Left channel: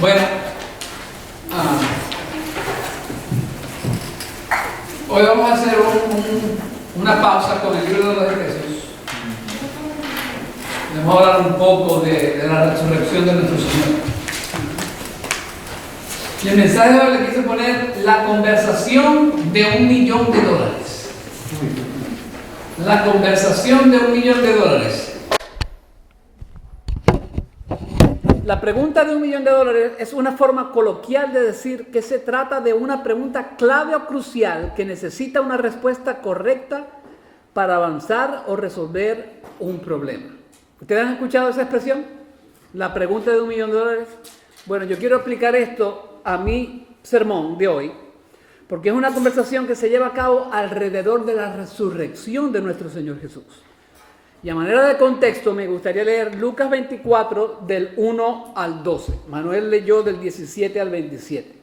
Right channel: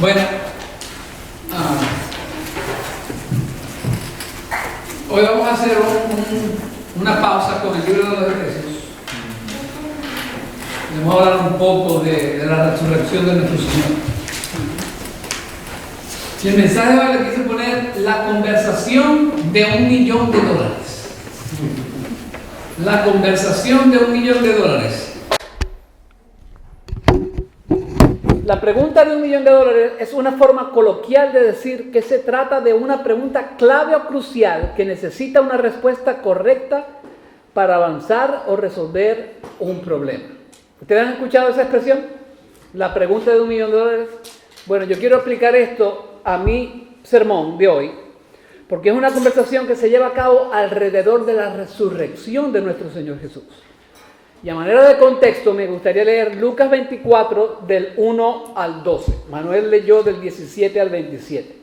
Bueno, hoy vamos a hacer una pausa con el libro de los Efesios. Vamos a hablar un poco de la resurrección de nuestro Señor. Y el mensaje de hoy le quise poner la conversación de $1.000.000. La conversación de $1.000.000. La pregunta de $1.000.000 es una forma coloquial de decir que se trata de una pregunta clave o crucial que necesita una respuesta correcta para avanzar o resolver un problema. ¿Ustedes han escuchado esa expresión? La pregunta de $1.000.000. Bueno, yo quiero aplicar esto a mi sermón de hoy, porque es una conversación que se lleva a cabo alrededor de la resurrección de nuestro Señor Jesús. Y a manera de contexto me gustaría leer Lucas 24 del 1 al 12. Manuel leyó del 17 al 27.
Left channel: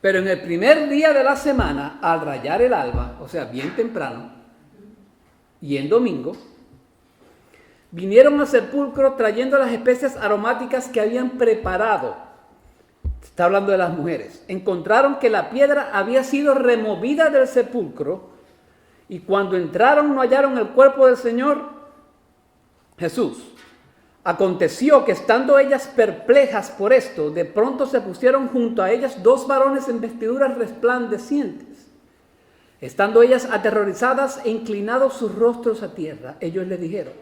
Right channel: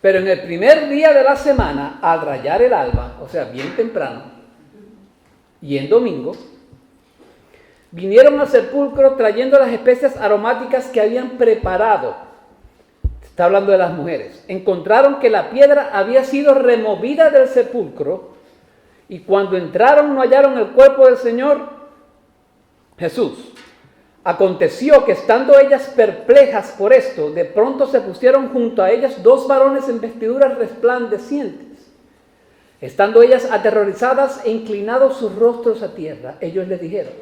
Pero en el primer día de la semana, al rayar el alba, o sea, bien temprano, y en domingo, vinieron al sepulcro trayendo las especias aromáticas que habían preparado. Está hablando de las mujeres. Encontraron que la piedra había sido removida del sepulcro. Y cuando entraron no hallaron el cuerpo del Señor Jesús. Aconteció que estando ellas perplejas por esto, de pronto se pusieron junto a ellas 2 varones en vestiduras resplandecientes. Estando ellas aterrorizadas e inclinados sus rostros a tierra, ellos les dijeron:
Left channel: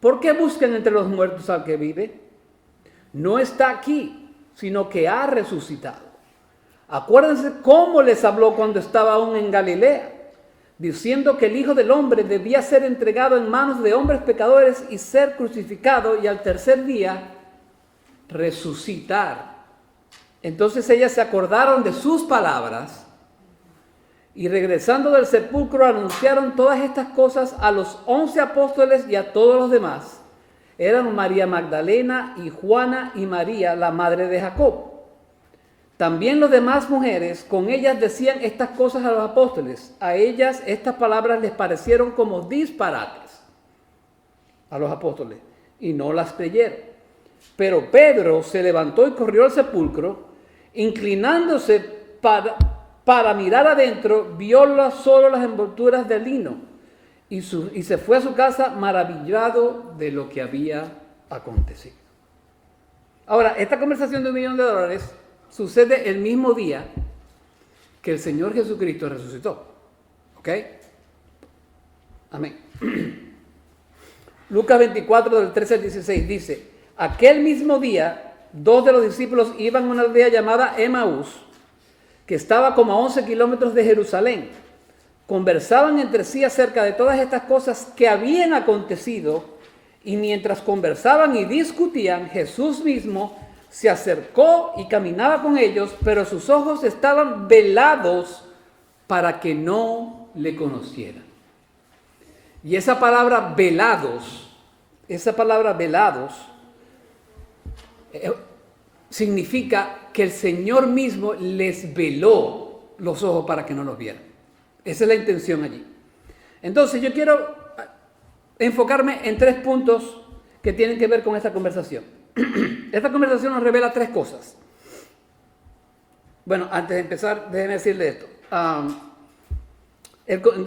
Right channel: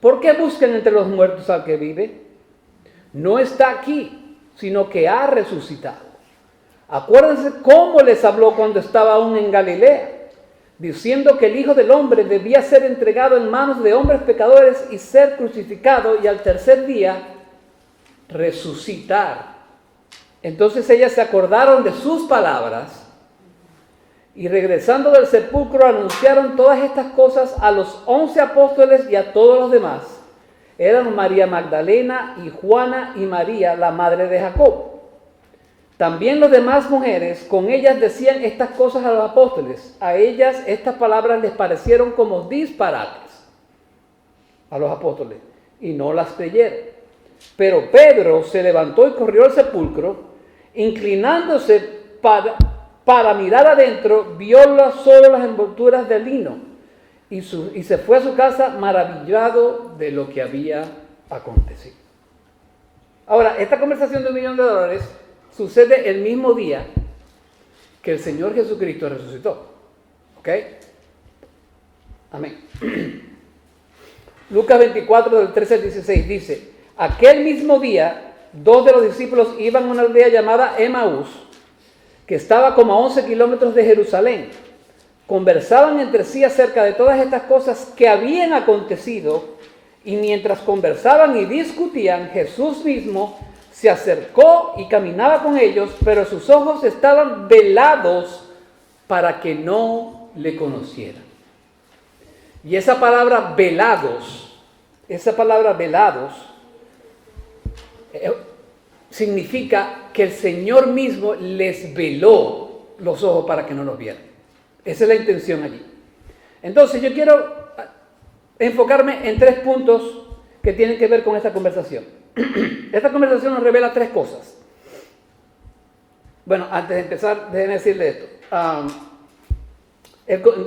¿por qué buscan entre los muertos al que vive? No está aquí, sino que ha resucitado. Acuérdense cómo les habló cuando estaba aún en Galilea, diciendo que el Hijo del Hombre debía ser entregado en manos de hombres pecadores y ser crucificado y al tercer día resucitar. Entonces ellas se acordaron de sus palabras y regresando del sepulcro anunciaron todas estas cosas a los 11 apóstoles y a todos los demás. Eran María Magdalena y Juana y María, la madre de Jacob. También las demás mujeres con ellas decían estas cosas a los apóstoles. A ellas estas palabras les parecieron como disparates a los apóstoles y no las creyeron. Pero Pedro se levantó y corrió al sepulcro, inclinándose para mirar adentro, vio solo las envolturas de lino y se fue a su casa maravillado de lo que había acontecido. Ahora, esta conversación de $1.000.000 sucede el mismo día que el Señor Jesucristo resucitó. ¿Ok? Amén. Lucas 24, del 13 al 16 dice: aquel mismo día, 2 de los discípulos iban a una aldea llamada Emaús, que estaba como a 11 kilómetros de Jerusalén. Conversaban entre sí acerca de todas estas cosas que habían acontecido, y mientras conversaban y discutían, Jesús mismo se acercó y caminaba con ellos, pero sus ojos estaban velados para que no le conocieran. Y esa palabra velados significa que el Señor mismo les veló los ojos para que no los vieran. Esa es la intención allí. Entonces yo quiero enfocarme en 3 puntos que tienen que ver con esta conversación. Esta conversación nos revela 3 cosas. Bueno, antes de empezar, déjenme decirle esto.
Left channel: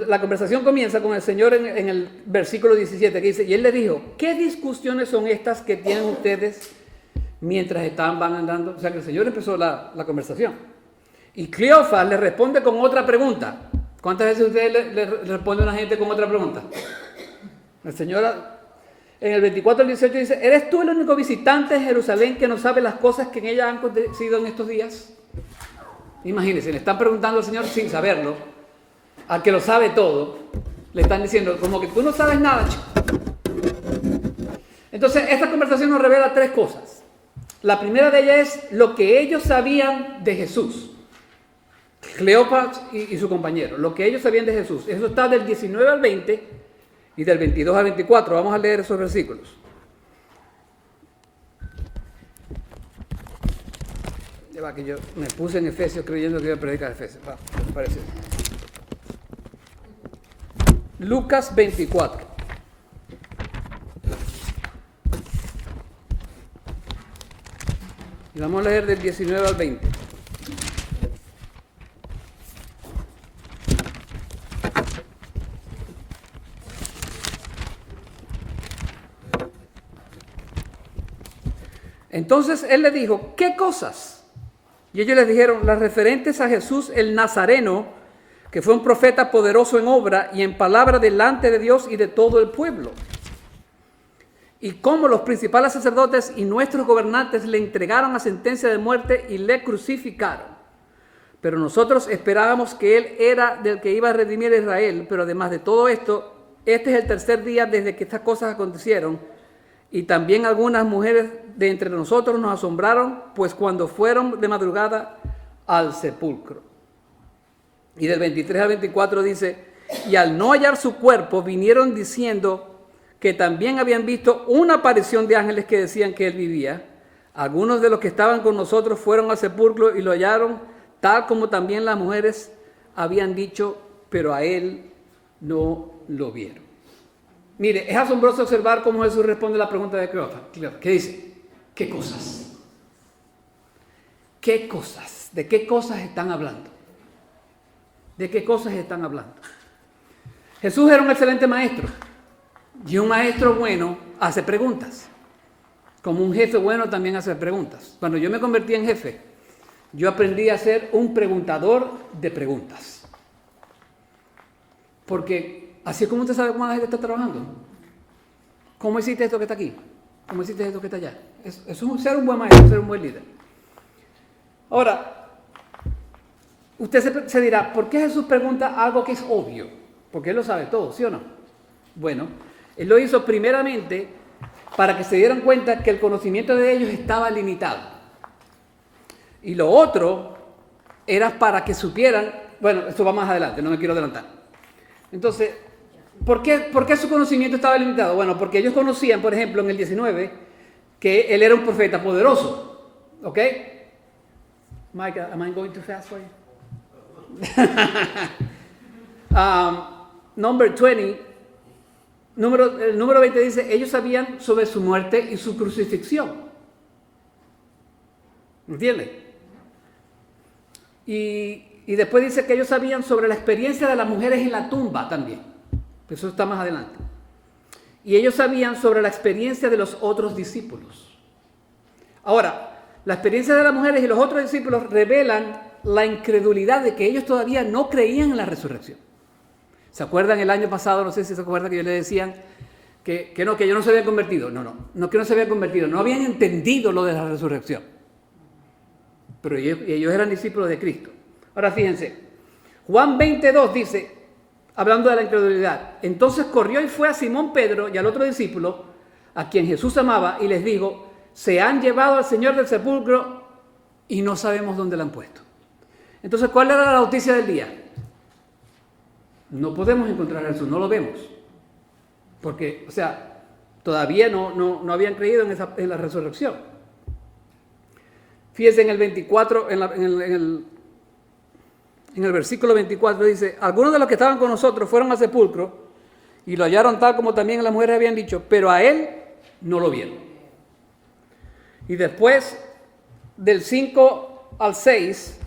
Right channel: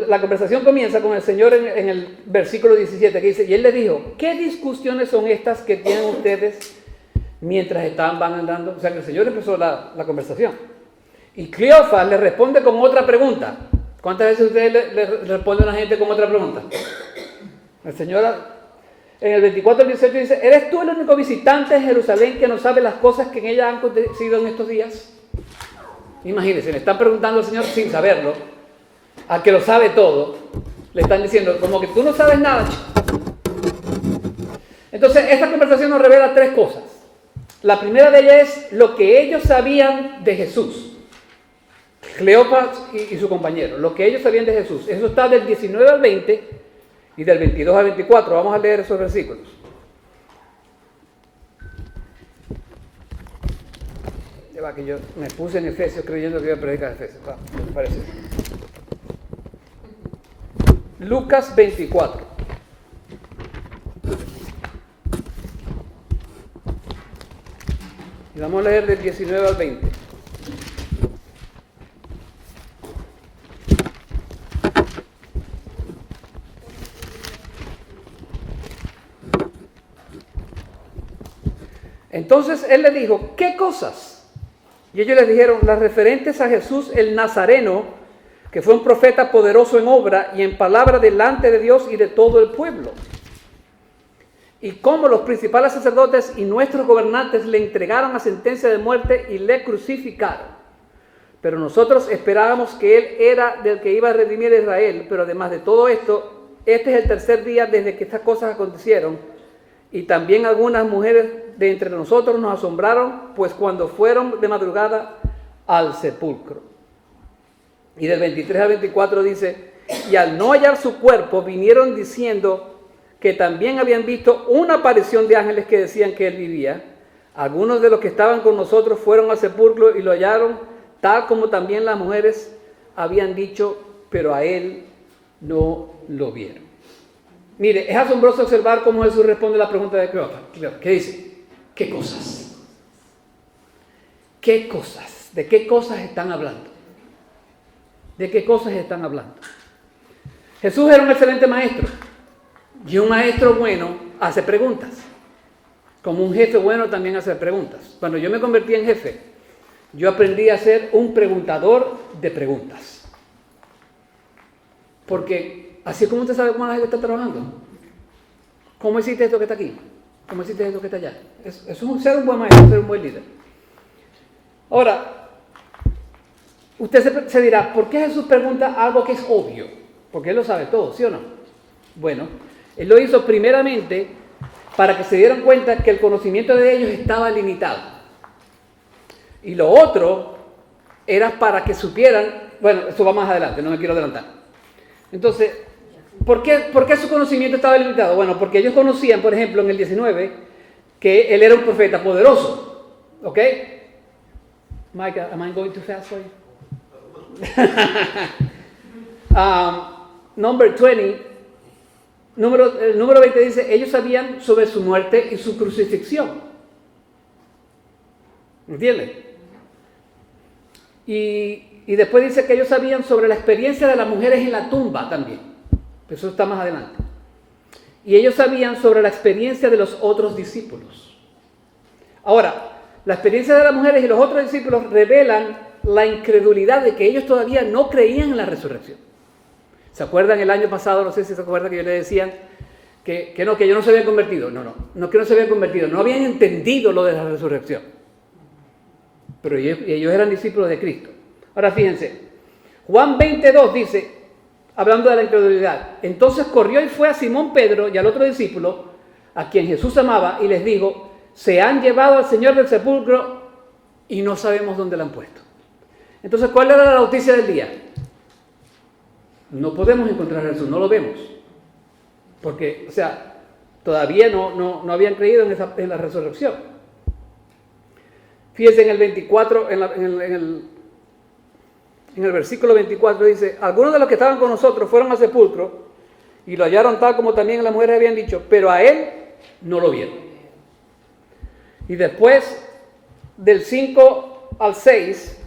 La conversación comienza con el Señor en el versículo 17, que dice: y Él le dijo, ¿qué discusiones son estas que tienen ustedes mientras van andando? O sea, que el Señor empezó la conversación. Y Cleofas le responde con otra pregunta. ¿Cuántas veces ustedes le responden a la gente con otra pregunta? El Señor, en el 24 al 18 dice: ¿eres tú el único visitante de Jerusalén que no sabe las cosas que en ella han acontecido en estos días? Imagínense, le están preguntando al Señor sin saberlo, al que lo sabe todo, le están diciendo como que tú no sabes nada. Entonces, esta conversación nos revela 3 cosas. La primera de ellas es lo que ellos sabían de Jesús. Cleofas y su compañero, lo que ellos sabían de Jesús. Eso está del 19 al 20 y del 22 al 24. Vamos a leer esos versículos. Va, que yo me puse en Efesios creyendo que iba a predicar Efesios. Va, me parece. Lucas 24. Y vamos a leer del 19 al 20. Entonces él le dijo, ¿qué cosas? Y ellos les dijeron, las referentes a Jesús el Nazareno, que fue un profeta poderoso en obra y en palabra delante de Dios y de todo el pueblo. Y cómo los principales sacerdotes y nuestros gobernantes le entregaron a sentencia de muerte y le crucificaron. Pero nosotros esperábamos que él era del que iba a redimir a Israel. Pero además de todo esto, este es el tercer día desde que estas cosas acontecieron. Y también algunas mujeres de entre nosotros nos asombraron, pues cuando fueron de madrugada al sepulcro. Y del 23 al 24 dice, y al no hallar su cuerpo, vinieron diciendo que también habían visto una aparición de ángeles que decían que él vivía. Algunos de los que estaban con nosotros fueron al sepulcro y lo hallaron, tal como también las mujeres habían dicho, pero a él no lo vieron. Mire, es asombroso observar cómo Jesús responde a la pregunta de Cleofas. ¿Qué dice? ¿Qué cosas? ¿Qué cosas? ¿De qué cosas están hablando? ¿De qué cosas están hablando? Jesús era un excelente maestro. Y un maestro bueno hace preguntas. Como un jefe bueno también hace preguntas. Cuando yo me convertí en jefe, yo aprendí a ser un preguntador de preguntas. Porque así es como usted sabe cómo la gente está trabajando. ¿Cómo hiciste esto que está aquí? ¿Cómo hiciste esto que está allá? Eso es ser un buen maestro, ser un buen líder. Ahora, usted se dirá, ¿por qué Jesús pregunta algo que es obvio? Porque Él lo sabe todo, ¿sí o no? Bueno, Él lo hizo primeramente para que se dieran cuenta que el conocimiento de ellos estaba limitado. Y lo otro era para que supieran, bueno, esto va más adelante, no me quiero adelantar. Entonces, ¿por qué su conocimiento estaba limitado? Bueno, porque ellos conocían, por ejemplo, en el 19, que él era un profeta poderoso. ¿Ok? Mike, am I going too fast for you? Number 20, el número 20 dice, ellos sabían sobre su muerte y su crucifixión. ¿Entienden? Y después dice que ellos sabían sobre la experiencia de las mujeres en la tumba también. Eso está más adelante. Y ellos sabían sobre la experiencia de los otros discípulos. Ahora, la experiencia de las mujeres y los otros discípulos revelan la incredulidad de que ellos todavía no creían en la resurrección. ¿Se acuerdan el año pasado? No sé si se acuerdan que yo les decían que ellos no se habían convertido. No que no se habían convertido, no habían entendido lo de la resurrección. Pero ellos eran discípulos de Cristo. Ahora fíjense, Juan 22 dice, hablando de la incredulidad, entonces corrió y fue a Simón Pedro y al otro discípulo, a quien Jesús amaba, y les dijo, se han llevado al Señor del sepulcro y no sabemos dónde lo han puesto. Entonces, ¿cuál era la noticia del día? No podemos encontrar a Jesús, no lo vemos. Porque, o sea, todavía no habían creído en la resurrección. Fíjense en el 24, en el versículo 24 dice, algunos de los que estaban con nosotros fueron al sepulcro y lo hallaron tal como también las mujeres habían dicho, pero a él no lo vieron. Y después, del 5 al 6,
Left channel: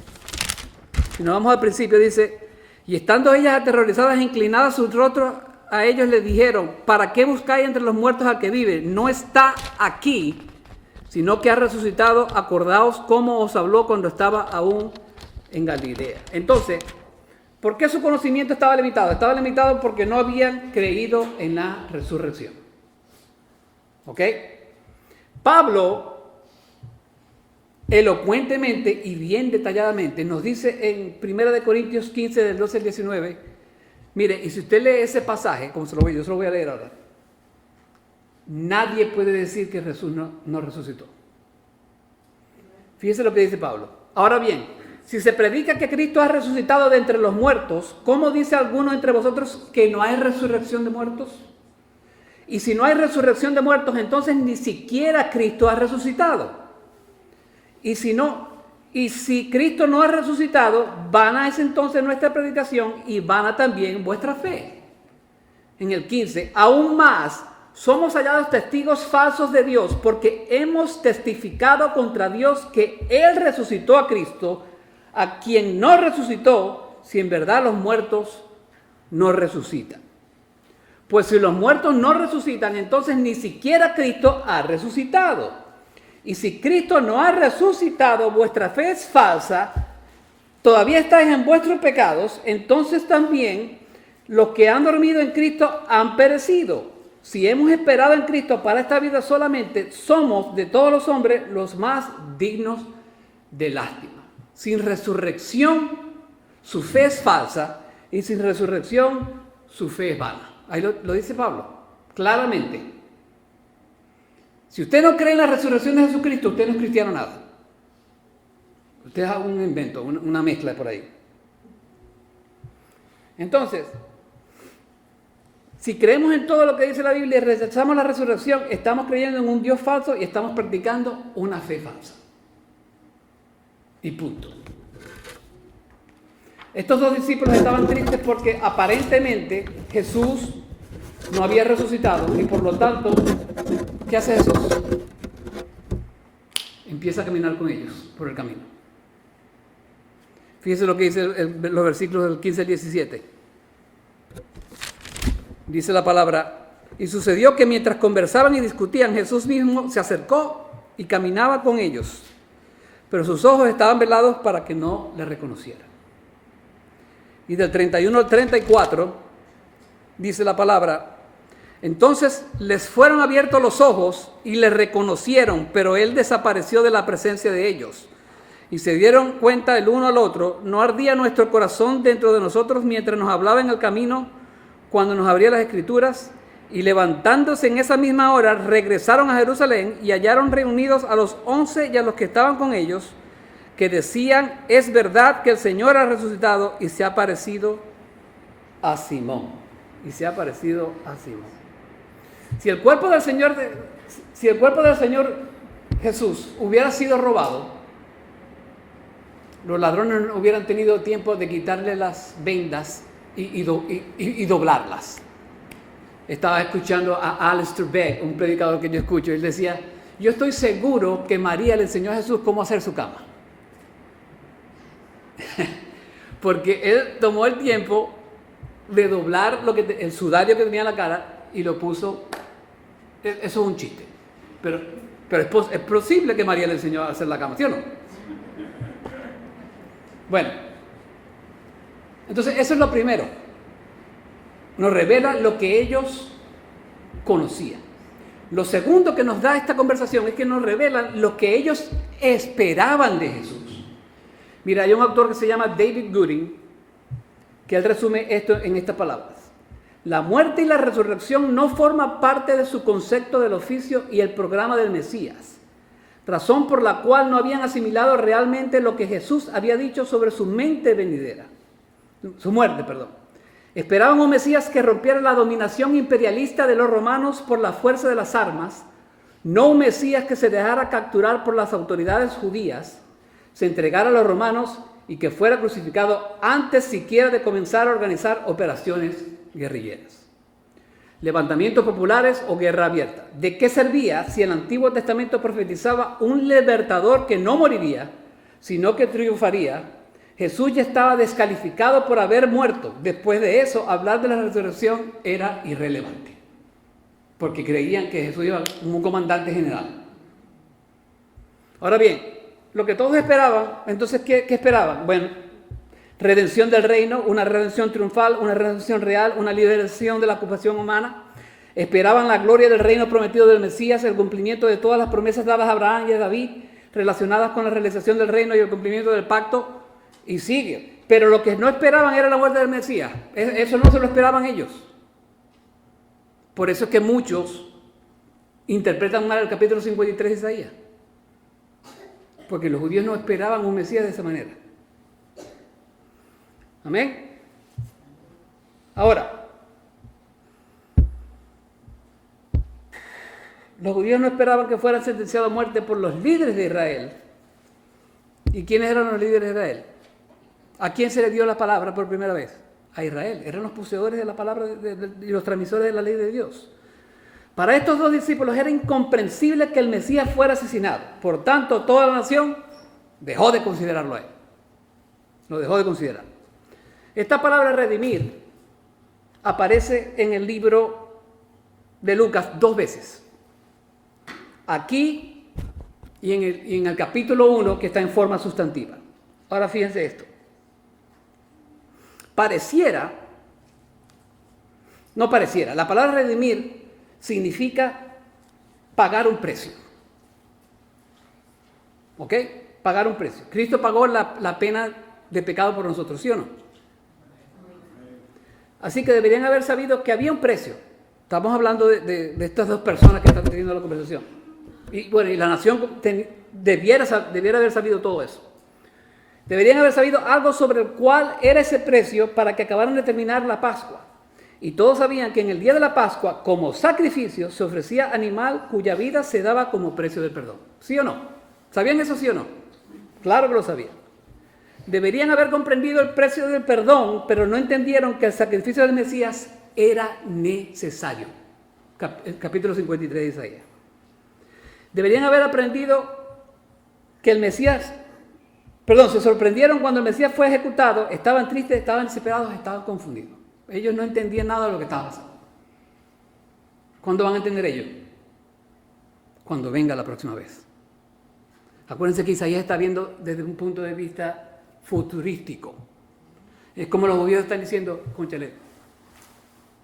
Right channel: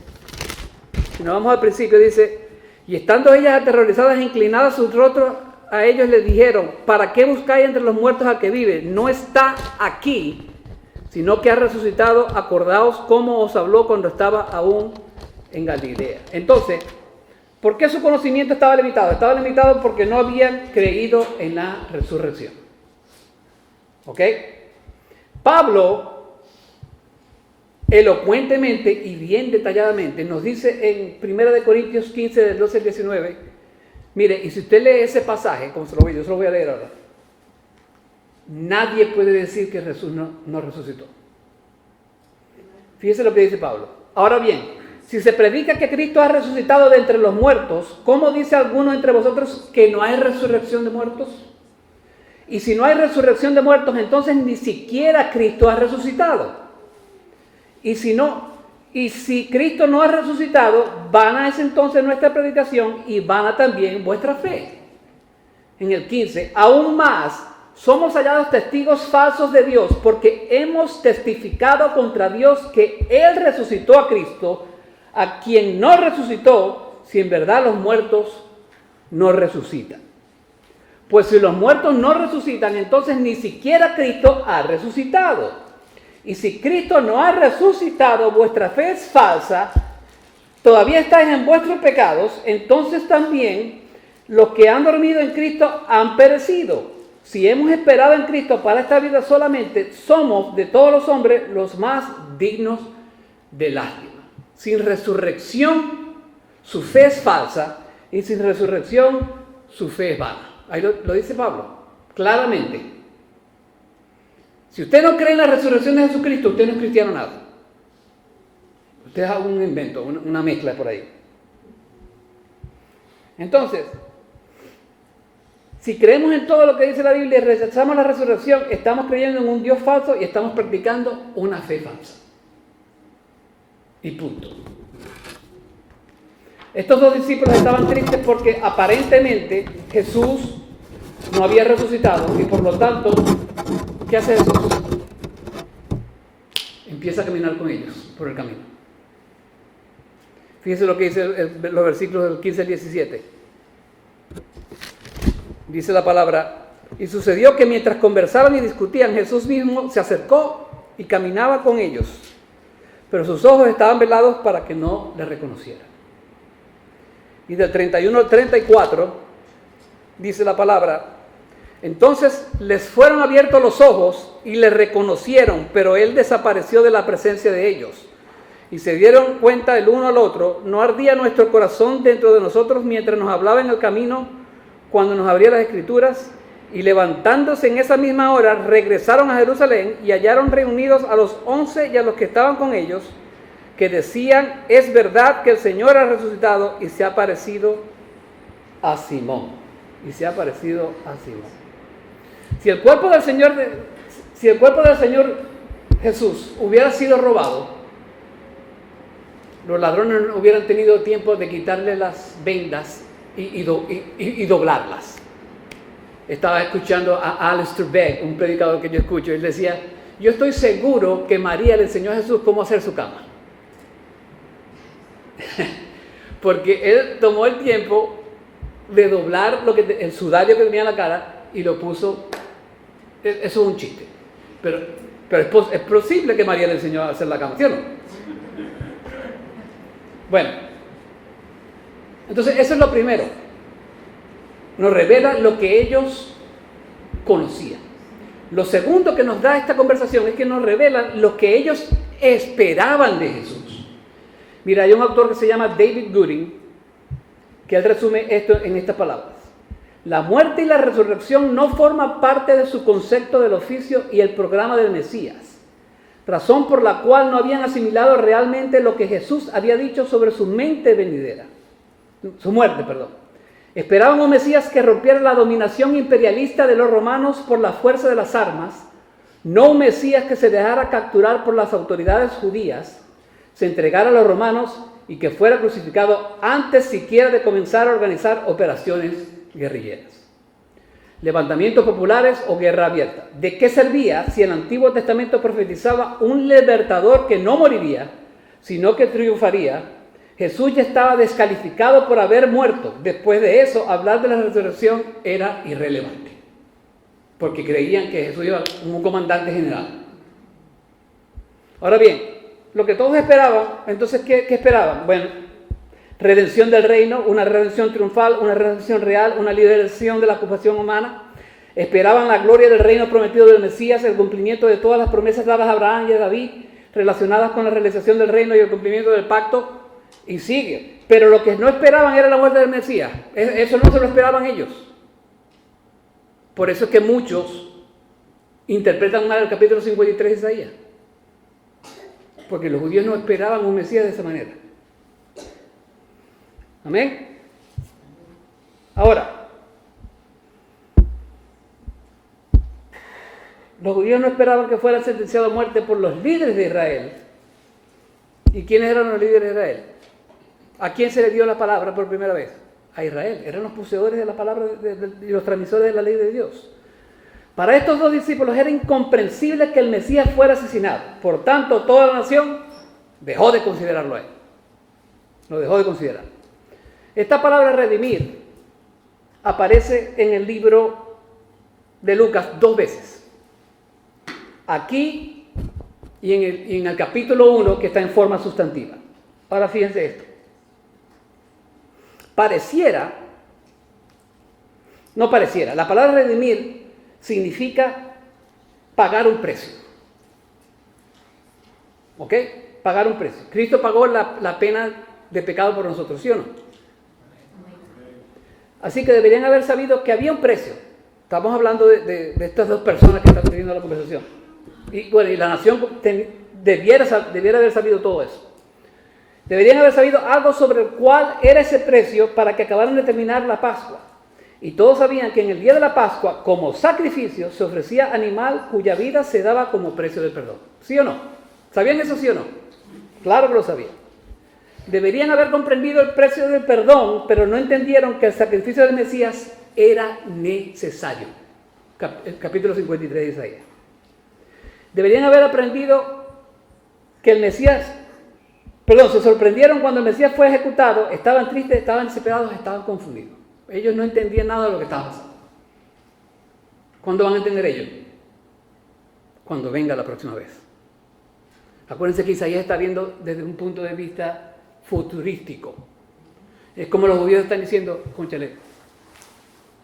si nos vamos al principio, dice, y estando ellas aterrorizadas e inclinadas sus rostros a ellos les dijeron, ¿para qué buscáis entre los muertos al que vive? No está aquí, sino que ha resucitado. Acordaos cómo os habló cuando estaba aún en Galilea. Entonces, ¿por qué su conocimiento estaba limitado? Estaba limitado porque no habían creído en la resurrección. ¿Ok? Pablo, elocuentemente y bien detalladamente, nos dice en 1 Corintios 15, del 12 al 19, mire, y si usted lee ese pasaje, como yo se lo voy a leer ahora, nadie puede decir que Jesús no resucitó. Fíjese lo que dice Pablo. Ahora bien, si se predica que Cristo ha resucitado de entre los muertos, ¿cómo dice alguno entre vosotros que no hay resurrección de muertos? Y si no hay resurrección de muertos, entonces ni siquiera Cristo ha resucitado. Y si Cristo no ha resucitado, vana es entonces nuestra predicación y vana también vuestra fe. En el 15, aún más, somos hallados testigos falsos de Dios porque hemos testificado contra Dios que Él resucitó a Cristo, a quien no resucitó, si en verdad los muertos no resucitan. Pues si los muertos no resucitan, entonces ni siquiera Cristo ha resucitado. Y si Cristo no ha resucitado, vuestra fe es falsa, todavía estáis en vuestros pecados, entonces también los que han dormido en Cristo han perecido. Si hemos esperado en Cristo para esta vida solamente, somos de todos los hombres los más dignos de lástima. Sin resurrección, su fe es falsa, y sin resurrección, su fe es vana. Ahí lo dice Pablo, claramente. Si usted no cree en la resurrección de Jesucristo, usted no es cristiano nada. Usted es un invento, una mezcla por ahí. Entonces, si creemos en todo lo que dice la Biblia y rechazamos la resurrección, estamos creyendo en un Dios falso y estamos practicando una fe falsa. Y punto. Estos dos discípulos estaban tristes porque aparentemente Jesús no había resucitado y por lo tanto, ¿qué hace Jesús? Empieza a caminar con ellos por el camino. Fíjense lo que dice los versículos del 15 al 17. Dice la palabra: y sucedió que mientras conversaban y discutían, Jesús mismo se acercó y caminaba con ellos, pero sus ojos estaban velados para que no le reconocieran. Y del 31 al 34 dice la palabra: entonces les fueron abiertos los ojos y le reconocieron, pero él desapareció de la presencia de ellos. Y se dieron cuenta el uno al otro: ¿no ardía nuestro corazón dentro de nosotros mientras nos hablaba en el camino, cuando nos abría las Escrituras? Y levantándose en esa misma hora, regresaron a Jerusalén y hallaron reunidos a los 11 y a los que estaban con ellos, que decían: es verdad que el Señor ha resucitado y se ha aparecido a Simón. Y se ha aparecido a Simón. Si el cuerpo del Señor Jesús hubiera sido robado, los ladrones no hubieran tenido tiempo de quitarle las vendas y doblarlas. Estaba escuchando a Alistair Begg, un predicador que yo escucho, y él decía: yo estoy seguro que María le enseñó a Jesús cómo hacer su cama. Porque él tomó el tiempo de doblar el sudario que tenía en la cara y lo puso. Eso es un chiste, pero es posible que María le enseñó a hacer la cama, ¿sí o no? Bueno, entonces eso es lo primero. Nos revela lo que ellos conocían. Lo segundo que nos da esta conversación es que nos revela lo que ellos esperaban de Jesús. Mira, hay un autor que se llama David Gooding, que él resume esto en estas palabras: la muerte y la resurrección no forman parte de su concepto del oficio y el programa del Mesías, razón por la cual no habían asimilado realmente lo que Jesús había dicho sobre su muerte venidera. Esperaban un Mesías que rompiera la dominación imperialista de los romanos por la fuerza de las armas, no un Mesías que se dejara capturar por las autoridades judías, se entregara a los romanos y que fuera crucificado antes siquiera de comenzar a organizar operaciones guerrilleras. Levantamientos populares o guerra abierta. ¿De qué servía si el Antiguo Testamento profetizaba un libertador que no moriría, sino que triunfaría? Jesús ya estaba descalificado por haber muerto. Después de eso, hablar de la resurrección era irrelevante, porque creían que Jesús iba como un comandante general. Ahora bien, lo que todos esperaban, entonces, ¿qué esperaban? Bueno, redención del reino, una redención triunfal, una redención real, una liberación de la ocupación humana. Esperaban la gloria del reino prometido del Mesías, el cumplimiento de todas las promesas dadas a Abraham y a David, relacionadas con la realización del reino y el cumplimiento del pacto, y sigue. Pero lo que no esperaban era la muerte del Mesías. Eso no se lo esperaban ellos. Por eso es que muchos interpretan mal el capítulo 53 de Isaías, porque los judíos no esperaban un Mesías de esa manera. Amén. Ahora, los judíos no esperaban que fueran sentenciados a muerte por los líderes de Israel. ¿Y quiénes eran los líderes de Israel? ¿A quién se le dio la palabra por primera vez? A Israel. Eran los poseedores de la palabra y los transmisores de la ley de Dios. Para estos dos discípulos era incomprensible que el Mesías fuera asesinado. Por tanto, toda la nación dejó de considerarlo a él. Lo dejó de considerar. Esta palabra redimir aparece en el libro de Lucas 2 veces. Aquí y en el capítulo 1, que está en forma sustantiva. Ahora fíjense esto. La palabra redimir significa pagar un precio. ¿Ok? Pagar un precio. Cristo pagó la pena de pecado por nosotros, ¿sí o no? Así que deberían haber sabido que había un precio. Estamos hablando de estas dos personas que están teniendo la conversación. Y bueno, y la nación debiera haber sabido todo eso. Deberían haber sabido algo sobre el cual era ese precio para que acabaran de terminar la Pascua. Y todos sabían que en el día de la Pascua, como sacrificio, se ofrecía animal cuya vida se daba como precio del perdón. ¿Sí o no? ¿Sabían eso, sí o no? Claro que lo sabían. Deberían haber comprendido el precio del perdón, pero no entendieron que el sacrificio del Mesías era necesario. El capítulo 53 de Isaías. Deberían haber aprendido que el Mesías, se sorprendieron cuando el Mesías fue ejecutado, estaban tristes, estaban desesperados, estaban confundidos. Ellos no entendían nada de lo que estaba pasando. ¿Cuándo van a entender ellos? Cuando venga la próxima vez. Acuérdense que Isaías está viendo desde un punto de vista futurístico. Es como los judíos están diciendo, cónchale,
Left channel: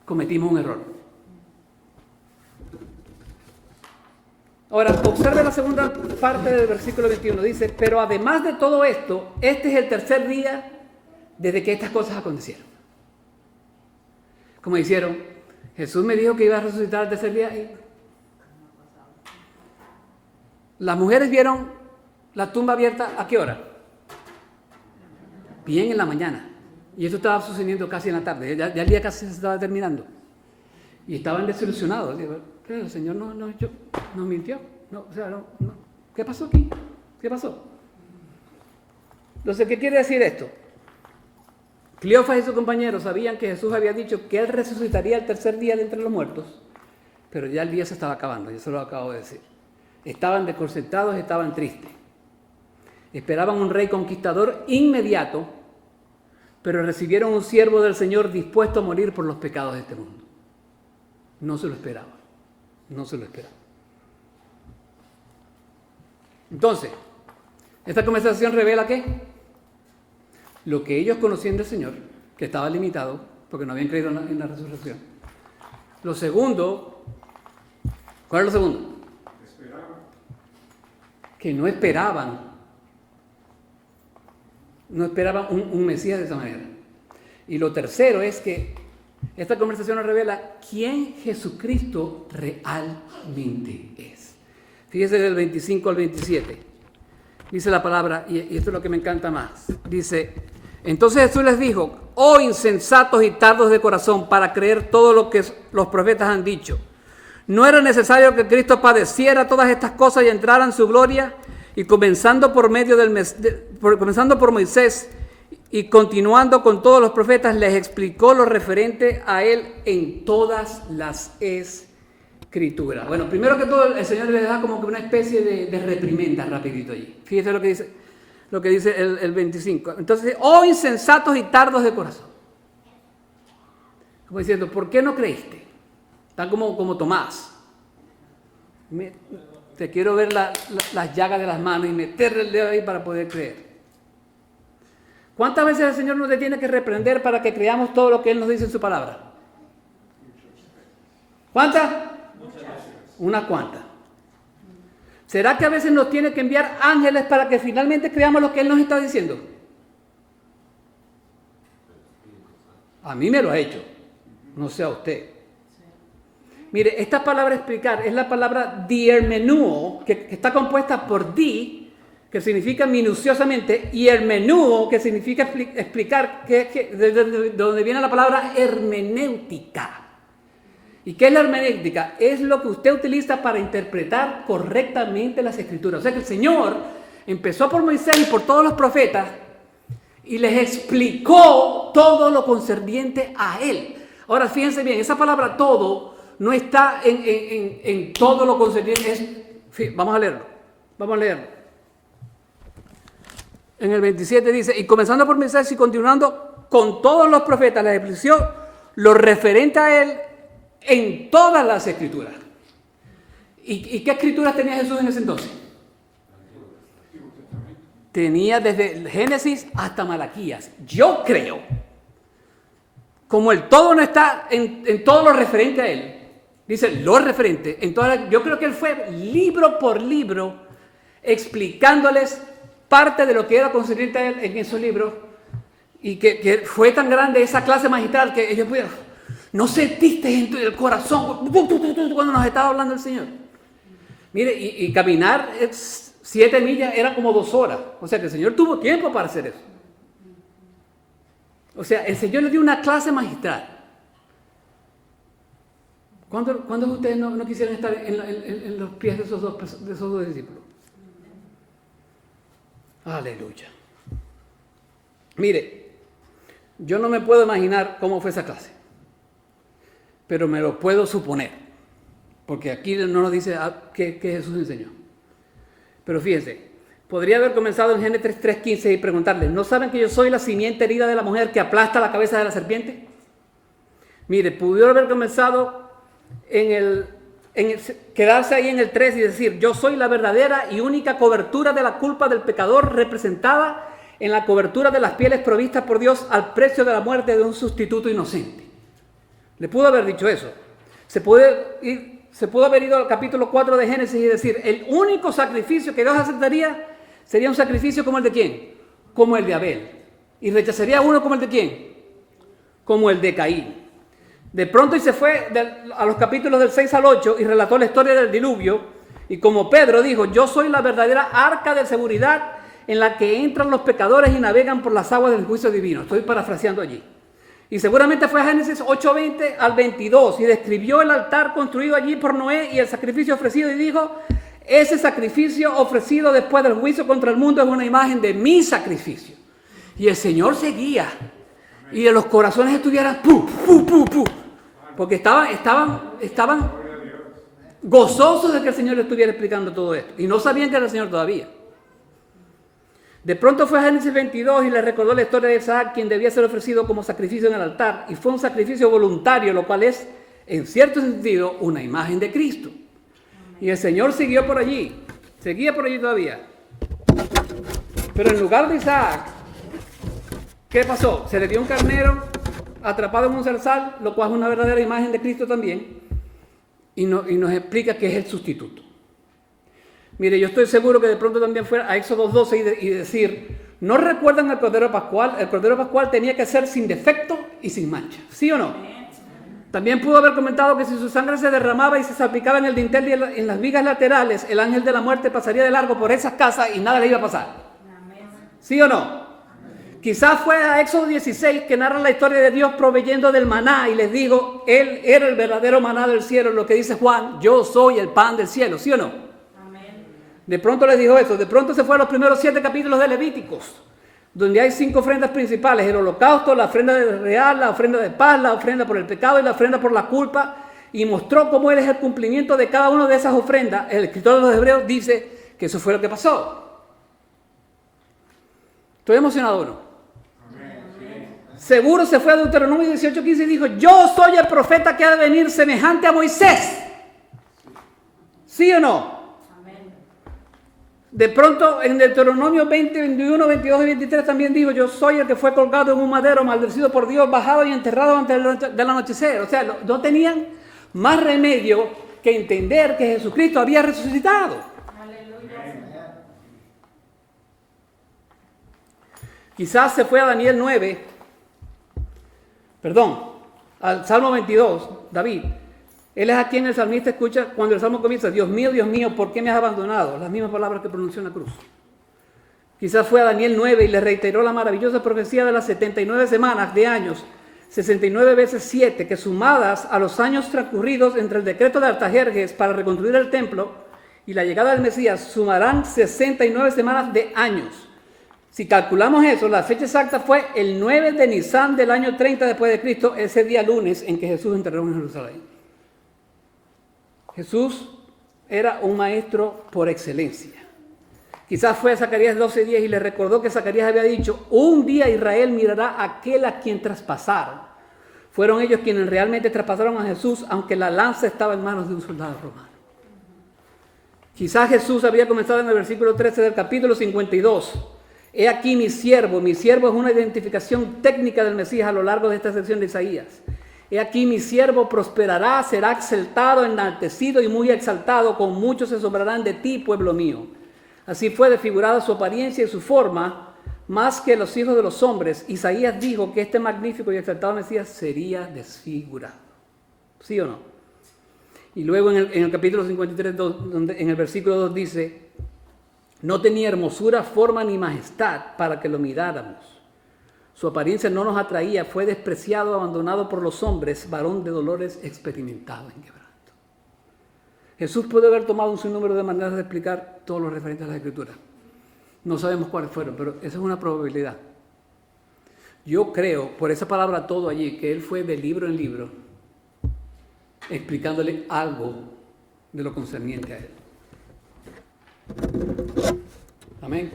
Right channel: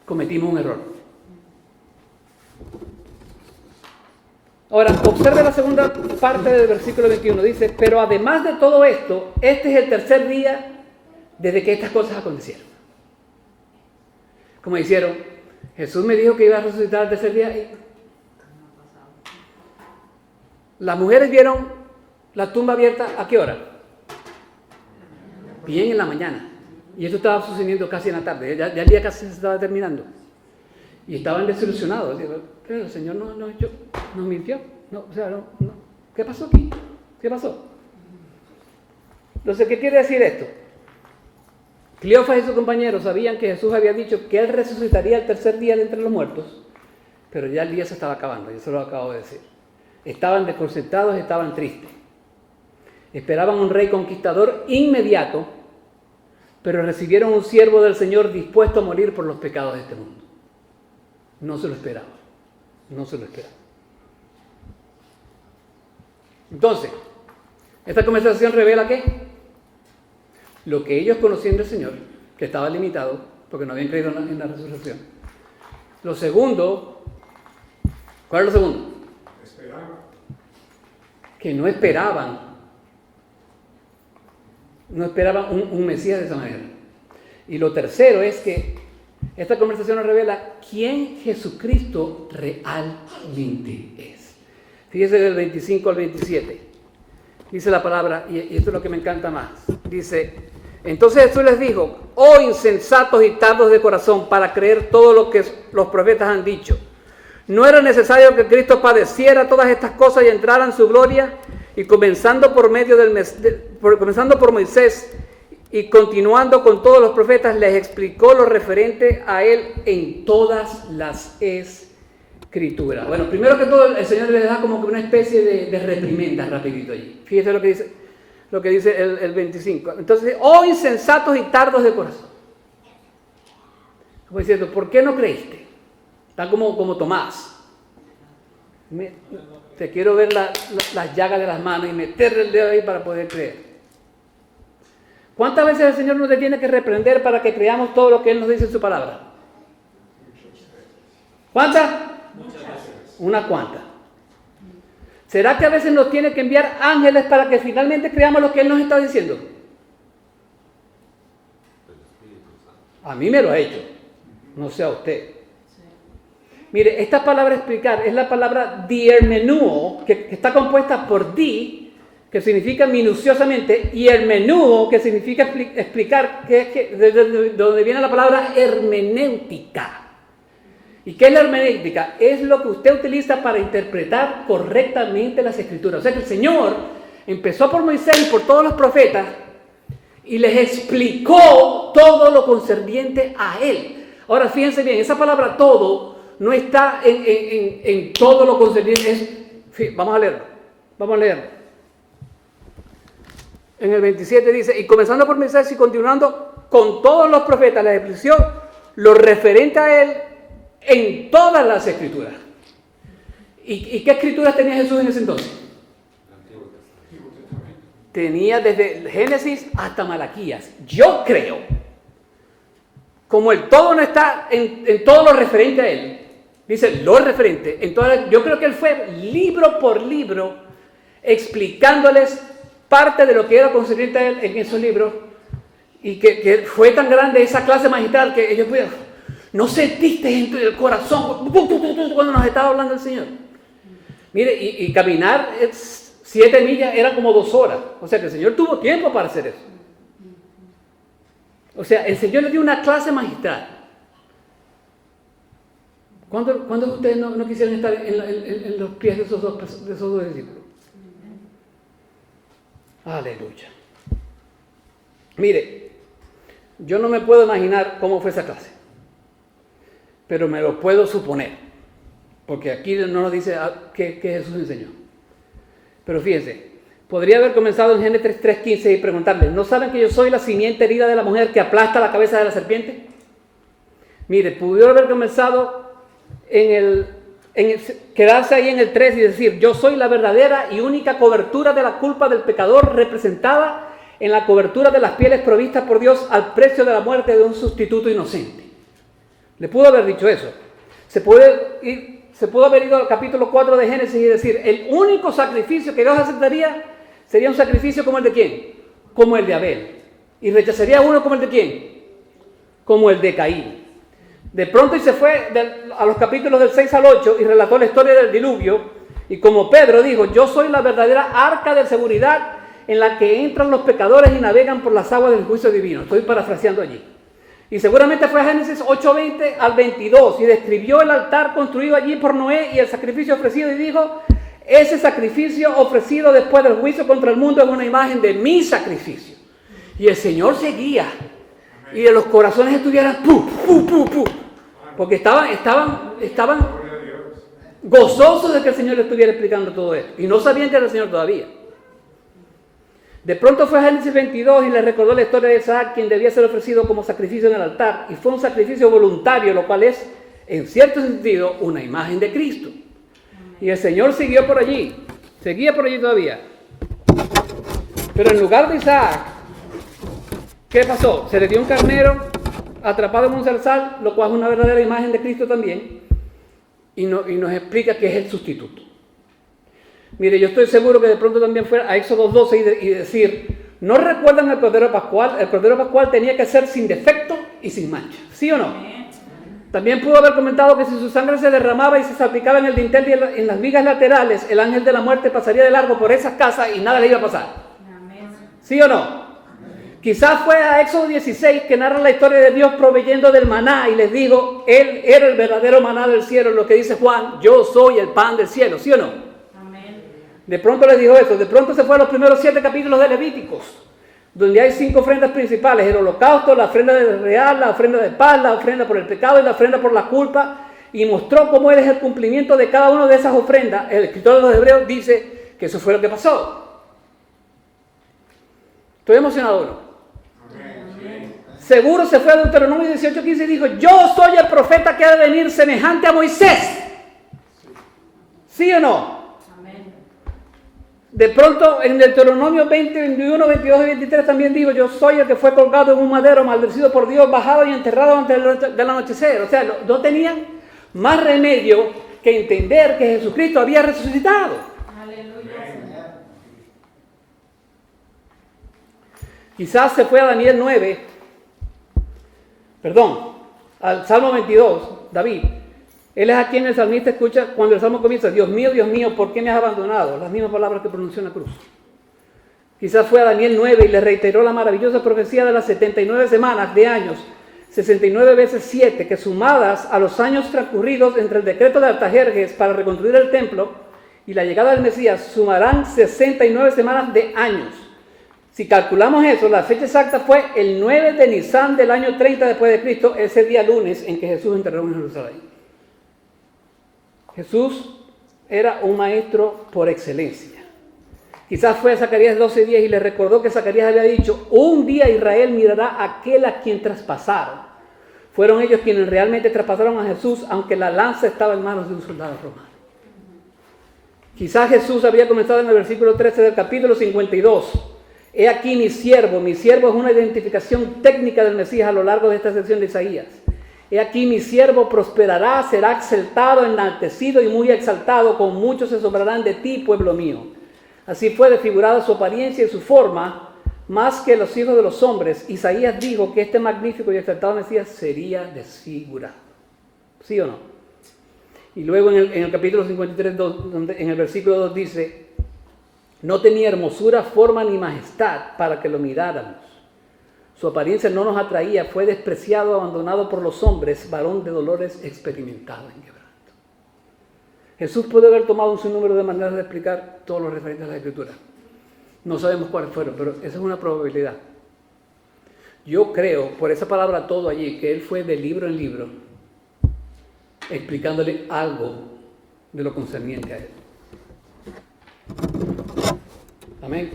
cometimos un error. Ahora, observe la segunda parte del versículo 21. Dice, pero además de todo esto, este es el tercer día desde que estas cosas acontecieron. Como hicieron, Jesús me dijo que iba a resucitar el tercer día. Y las mujeres vieron la tumba abierta, ¿a qué hora? Bien en la mañana. Y eso estaba sucediendo casi en la tarde. Ya el día casi se estaba terminando. Y estaban desilusionados. Pero el Señor nos mintió. No. ¿Qué pasó aquí? ¿Qué pasó? Entonces, ¿qué quiere decir esto? Cleofas y sus compañeros sabían que Jesús había dicho que Él resucitaría el tercer día de entre los muertos, pero ya el día se estaba acabando, yo se lo acabo de decir. Estaban desconcertados, estaban tristes. Esperaban un rey conquistador inmediato, pero recibieron un siervo del Señor dispuesto a morir por los pecados de este mundo. No se lo esperaban. Entonces, esta conversación revela ¿qué? Lo que ellos conocían del Señor, que estaba limitado, porque no habían creído en la resurrección. Lo segundo, ¿cuál es lo segundo? Que no esperaban un Mesías de esa manera. Y lo tercero es que esta conversación nos revela quién Jesucristo realmente es. Fíjese del 25 al 27. Dice la palabra, y esto es lo que me encanta más. Dice, entonces Jesús les dijo, oh insensatos y tardos de corazón para creer todo lo que los profetas han dicho. ¿No era necesario que Cristo padeciera todas estas cosas y entrara en su gloria? Y comenzando por Moisés y continuando con todos los profetas, les explicó lo referente a él en todas las escrituras. Bueno, primero que todo, el Señor les da como que una especie de reprimenda rapidito allí. Fíjese lo que dice el 25. Entonces, oh insensatos y tardos de corazón. Como diciendo, ¿por qué no creíste? Está como Tomás. Te quiero ver las llagas de las manos y meterle el dedo ahí para poder creer. ¿Cuántas veces el Señor nos tiene que reprender para que creamos todo lo que Él nos dice en su palabra? ¿Cuántas? Muchas veces. Una cuanta. ¿Será que a veces nos tiene que enviar ángeles para que finalmente creamos lo que Él nos está diciendo? A mí me lo ha hecho. No sé a usted. Mire, esta palabra explicar es la palabra diermenúo, que está compuesta por di, que significa minuciosamente, y hermenúo, que significa explicar, de donde viene la palabra hermenéutica. ¿Y qué es la hermenéutica? Es lo que usted utiliza para interpretar correctamente las escrituras. O sea que el Señor empezó por Moisés y por todos los profetas y les explicó todo lo concerniente a Él. Ahora fíjense bien, esa palabra todo no está en todo lo concerniente. Vamos a leerlo. En el 27 dice, y comenzando por Moisés y continuando con todos los profetas, la explicación, lo referente a él en todas las escrituras. ¿Y qué escrituras tenía Jesús en ese entonces? Tenía desde Génesis hasta Malaquías. Yo creo, como el todo no está en todo lo referente a él, dice lo referente, yo creo que él fue libro por libro explicándoles parte de lo que era concerniente a él en esos libros, y que fue tan grande esa clase magistral que ellos pudieron, no sentiste en el corazón cuando nos estaba hablando el Señor. Mire, y caminar 7 millas era como 2 horas. O sea que el Señor tuvo tiempo para hacer eso. O sea, el Señor le dio una clase magistral. ¿Cuántos de ustedes no quisieran estar en los pies de esos dos discípulos? Aleluya. Mire, yo no me puedo imaginar cómo fue esa clase, pero me lo puedo suponer, porque aquí no nos dice qué Jesús enseñó. Pero fíjense, podría haber comenzado en Génesis 3:15 y preguntarle, ¿no saben que yo soy la simiente herida de la mujer que aplasta la cabeza de la serpiente? Mire, pudiera haber comenzado quedarse ahí en el 3 y decir, yo soy la verdadera y única cobertura de la culpa del pecador, representada en la cobertura de las pieles provistas por Dios al precio de la muerte de un sustituto inocente. Le pudo haber dicho eso. Se pudo haber ido al capítulo 4 de Génesis y decir, el único sacrificio que Dios aceptaría sería un sacrificio como el de ¿quién? Como el de Abel. Y rechazaría uno como el de ¿quién? Como el de Caín. De pronto y se fue a los capítulos del 6 al 8 y relató la historia del diluvio. Y como Pedro dijo, yo soy la verdadera arca de seguridad en la que entran los pecadores y navegan por las aguas del juicio divino. Estoy parafraseando allí. Y seguramente fue a Génesis 8:20 al 22 y describió el altar construido allí por Noé y el sacrificio ofrecido y dijo, ese sacrificio ofrecido después del juicio contra el mundo es una imagen de mi sacrificio. Y el Señor seguía y de los corazones estuvieran porque estaban gozosos de que el Señor le estuviera explicando todo esto y no sabían que era el Señor todavía. De pronto fue a Génesis 22 y le recordó la historia de Isaac, quien debía ser ofrecido como sacrificio en el altar. Y fue un sacrificio voluntario, lo cual es, en cierto sentido, una imagen de Cristo. Y el Señor seguía por allí todavía. Pero en lugar de Isaac, ¿qué pasó? Se le dio un carnero atrapado en un zarzal, lo cual es una verdadera imagen de Cristo también. Y nos explica que es el sustituto. Mire, yo estoy seguro que de pronto también fue a Éxodo 12 y decir, ¿no recuerdan el Cordero Pascual? El Cordero Pascual tenía que ser sin defecto y sin mancha, ¿sí o no? También pudo haber comentado que si su sangre se derramaba y se salpicaba en el dintel y en las vigas laterales, el ángel de la muerte pasaría de largo por esas casas y nada le iba a pasar. ¿Sí o no? Quizás fue a Éxodo 16 que narra la historia de Dios proveyendo del maná y les digo, Él era el verdadero maná del cielo, lo que dice Juan, yo soy el pan del cielo, ¿sí o no? De pronto les dijo eso. De pronto se fue a los primeros 7 capítulos de Levíticos, donde hay 5 ofrendas principales: el holocausto, la ofrenda real, la ofrenda de paz, la ofrenda por el pecado y la ofrenda por la culpa, y mostró cómo él es el cumplimiento de cada una de esas ofrendas. El escritor de los Hebreos dice que eso fue lo que pasó. ¿Estoy emocionado o no? Seguro se fue a Deuteronomio 18:15 y dijo, yo soy el profeta que ha de venir semejante a Moisés. ¿Sí o no? De pronto en Deuteronomio 20, 21, 22 y 23 también digo, yo soy el que fue colgado en un madero, maldecido por Dios, bajado y enterrado antes del anochecer. O sea, no tenían más remedio que entender que Jesucristo había resucitado. Aleluya. Quizás se fue a Daniel 9, al Salmo 22, David. Él es a quien el salmista escucha cuando el salmo comienza, Dios mío, ¿por qué me has abandonado? Las mismas palabras que pronunció en la cruz. Quizás fue a Daniel 9 y le reiteró la maravillosa profecía de las 79 semanas de años, 69 veces 7, que sumadas a los años transcurridos entre el decreto de Artajerjes para reconstruir el templo y la llegada del Mesías, sumarán 69 semanas de años. Si calculamos eso, la fecha exacta fue el 9 de Nisan del año 30 después de Cristo, ese día lunes en que Jesús enterró en Jerusalén. Jesús era un maestro por excelencia. Quizás fue a Zacarías 12:10 y le recordó que Zacarías había dicho: un día Israel mirará a aquel a quien traspasaron. Fueron ellos quienes realmente traspasaron a Jesús, aunque la lanza estaba en manos de un soldado romano. Quizás Jesús había comenzado en el versículo 13 del capítulo 52. He aquí mi siervo. Mi siervo es una identificación técnica del Mesías a lo largo de esta sección de Isaías. He aquí mi siervo prosperará, será exaltado, enaltecido y muy exaltado. Con muchos se asombrarán de ti, pueblo mío. Así fue desfigurada su apariencia y su forma, más que los hijos de los hombres. Isaías dijo que este magnífico y exaltado Mesías sería desfigurado. ¿Sí o no? Y luego en el capítulo 53, donde en el versículo 2 dice: no tenía hermosura, forma ni majestad para que lo miráramos. Su apariencia no nos atraía, fue despreciado, abandonado por los hombres, varón de dolores, experimentado en quebranto. Jesús puede haber tomado un sinnúmero de maneras de explicar todo lo referente a la Escritura. No sabemos cuáles fueron, pero esa es una probabilidad. Yo creo, por esa palabra todo allí, que él fue de libro en libro, explicándole algo de lo concerniente a él. Amén.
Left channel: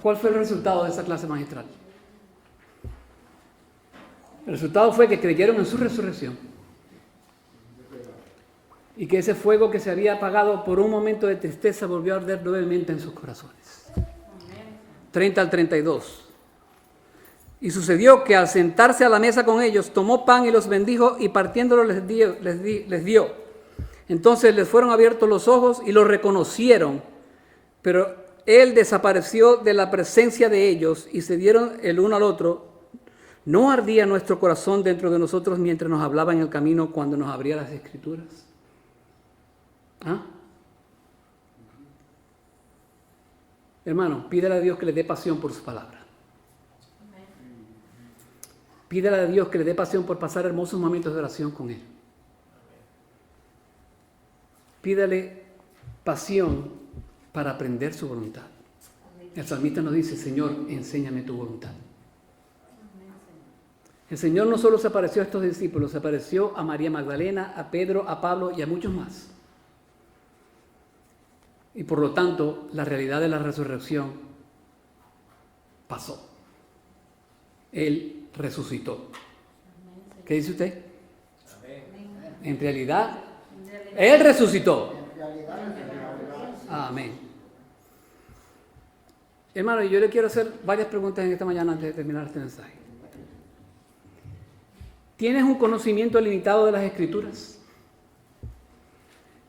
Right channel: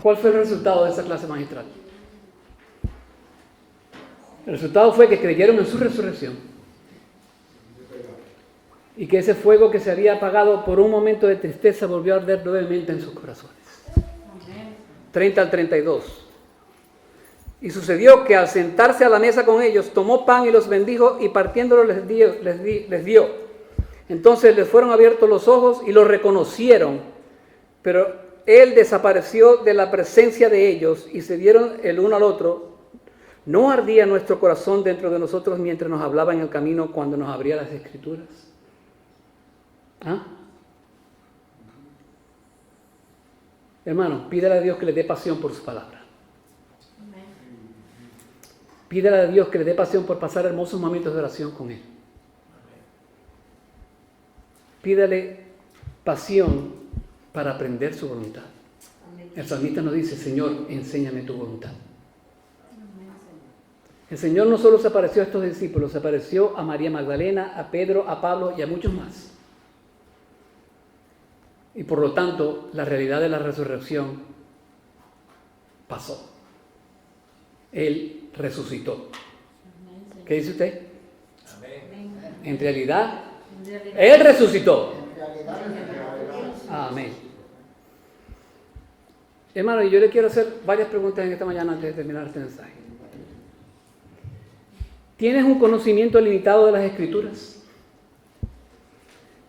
¿Cuál fue el resultado de esa clase magistral? El resultado fue que creyeron en su resurrección y que ese fuego que se había apagado por un momento de tristeza volvió a arder nuevamente en sus corazones. 30 al 32. Y sucedió que al sentarse a la mesa con ellos, tomó pan y los bendijo y partiéndolo les dio. Entonces les fueron abiertos los ojos y lo reconocieron, pero él desapareció de la presencia de ellos y se dieron el uno al otro. ¿No ardía nuestro corazón dentro de nosotros mientras nos hablaba en el camino cuando nos abría las Escrituras? ¿Ah? Hermano, pídele a Dios que le dé pasión por su palabra. Pídele a Dios que le dé pasión por pasar hermosos momentos de oración con Él. Pídele pasión para aprender su voluntad. El salmista nos dice: Señor, enséñame tu voluntad. El Señor no solo se apareció a estos discípulos, se apareció a María Magdalena, a Pedro, a Pablo y a muchos más. Y por lo tanto, la realidad de la resurrección pasó. Él resucitó. ¿Qué dice usted? En realidad, Él resucitó. Amén. Hermano, yo le quiero hacer varias preguntas en esta mañana antes de terminar este mensaje. ¿Tienes un conocimiento limitado de las Escrituras?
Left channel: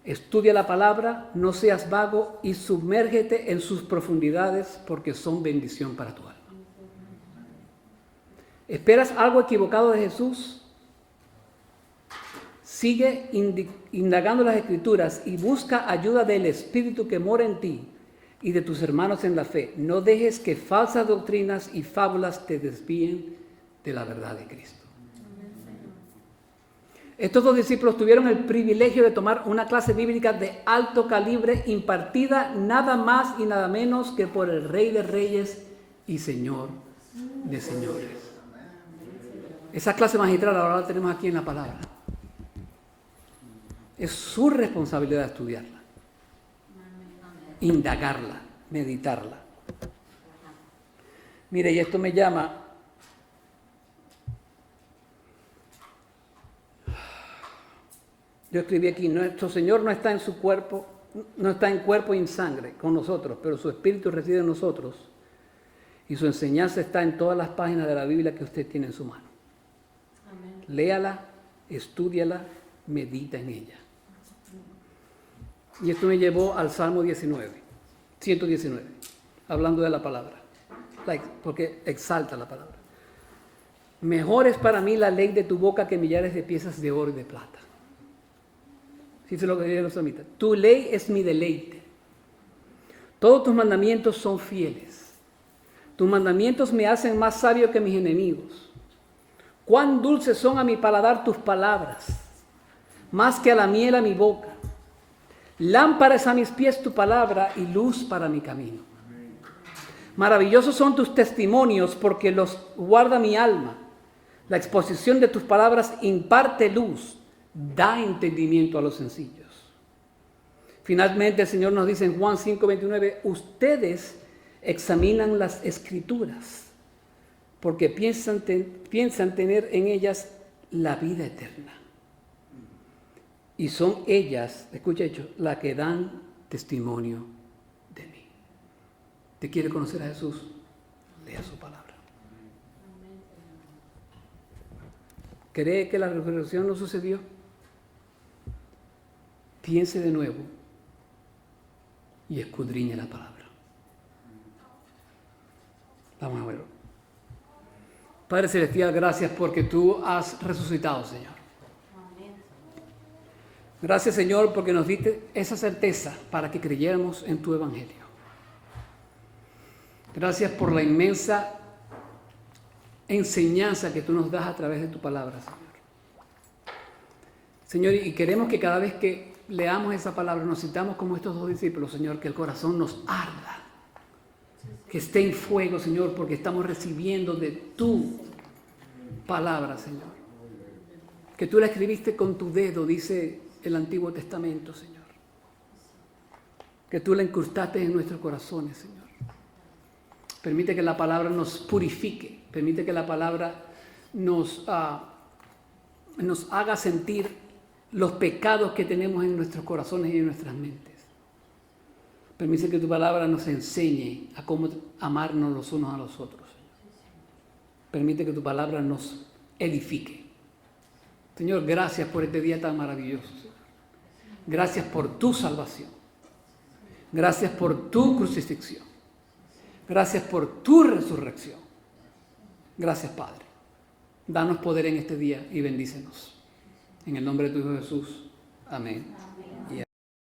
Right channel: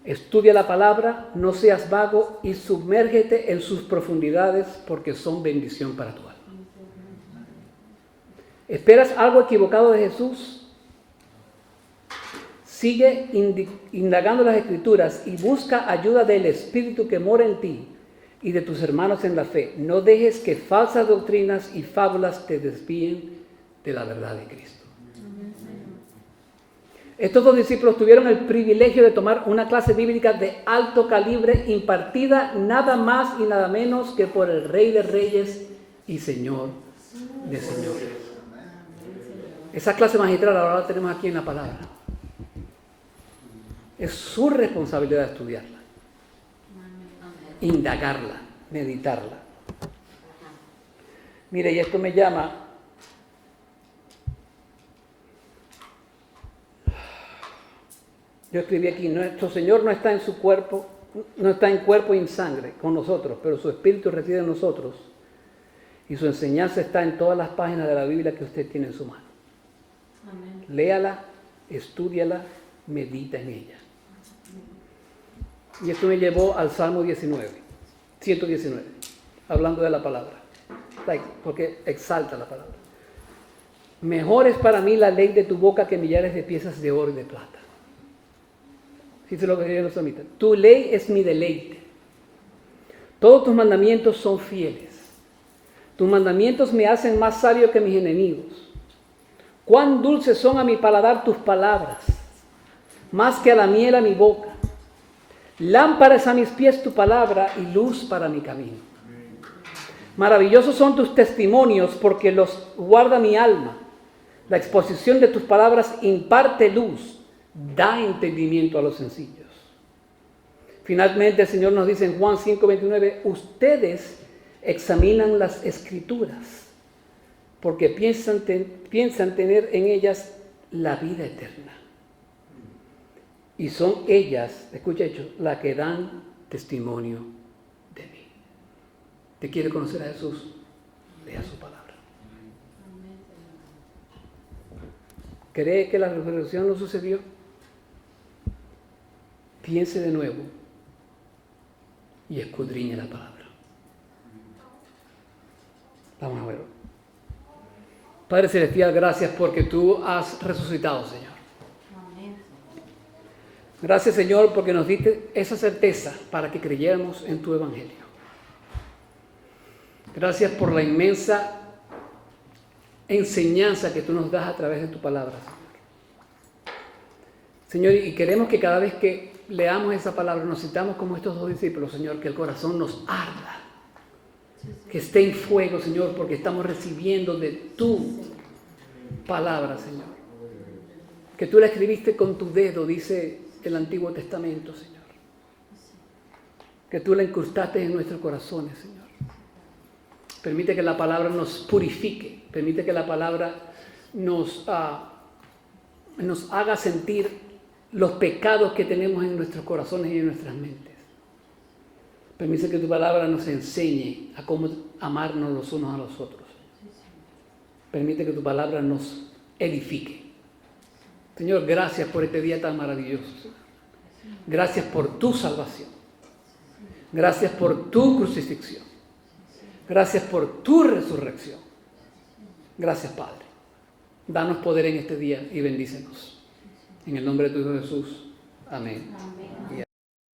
Estudia la palabra, no seas vago y sumérgete en sus profundidades porque son bendición para tu alma. ¿Esperas algo equivocado de Jesús? Sigue indagando las Escrituras y busca ayuda del Espíritu que mora en ti y de tus hermanos en la fe. No dejes que falsas doctrinas y fábulas te desvíen de la verdad de Cristo. Estos dos discípulos tuvieron el privilegio de tomar una clase bíblica de alto calibre impartida nada más y nada menos que por el Rey de Reyes y Señor de Señores. Esa clase magistral ahora la tenemos aquí en la palabra. Es su responsabilidad estudiarla, indagarla, meditarla. Mire, y esto me llama... Yo escribí aquí: nuestro Señor no está en su cuerpo, no está en cuerpo y en sangre con nosotros, pero su Espíritu reside en nosotros y su enseñanza está en todas las páginas de la Biblia que usted tiene en su mano. Amén. Léala, estúdiala, medita en ella. Y esto me llevó al Salmo 119, hablando de la palabra, porque exalta la palabra. Mejor es para mí la ley de tu boca que millares de piezas de oro y de plata. Dice lo que dice los salmistas: tu ley es mi deleite. Todos tus mandamientos son fieles. Tus mandamientos me hacen más sabio que mis enemigos. Cuán dulces son a mi paladar tus palabras, más que a la miel a mi boca. Lámpara es a mis pies tu palabra y luz para mi camino. Maravillosos son tus testimonios porque los guarda mi alma. La exposición de tus palabras imparte luz, da entendimiento a los sencillos. Finalmente el Señor nos dice en Juan 5:29, ustedes examinan las Escrituras porque piensan tener en ellas la vida eterna. Y son ellas, escucha esto, las que dan testimonio de mí. ¿Te quiere conocer a Jesús? Lea su palabra. ¿Cree que la resurrección no sucedió? Piense de nuevo y escudriñe la palabra. Vamos a verlo. Padre Celestial, gracias porque tú has resucitado, Señor. Gracias, Señor, porque nos diste esa certeza para que creyéramos en tu evangelio. Gracias por la inmensa enseñanza que tú nos das a través de tu palabra, Señor. Señor, y queremos que cada vez que leamos esa palabra nos sintamos como estos dos discípulos, Señor, que el corazón nos arda, que esté en fuego, Señor, porque estamos recibiendo de tu palabra, Señor. Que tú la escribiste con tu dedo, dice el Antiguo Testamento, Señor. Que tú la incrustaste en nuestros corazones, Señor. Permite que la palabra nos purifique, permite que la palabra nos haga sentir los pecados que tenemos en nuestros corazones y en nuestras mentes. Permite que tu palabra nos enseñe a cómo amarnos los unos a los otros. Permite que tu palabra nos edifique. Señor, gracias por este día tan maravilloso. Gracias por tu salvación. Gracias por tu crucifixión. Gracias por tu resurrección. Gracias, Padre. Danos poder en este día y bendícenos. En el nombre de tu Hijo Jesús. Amén.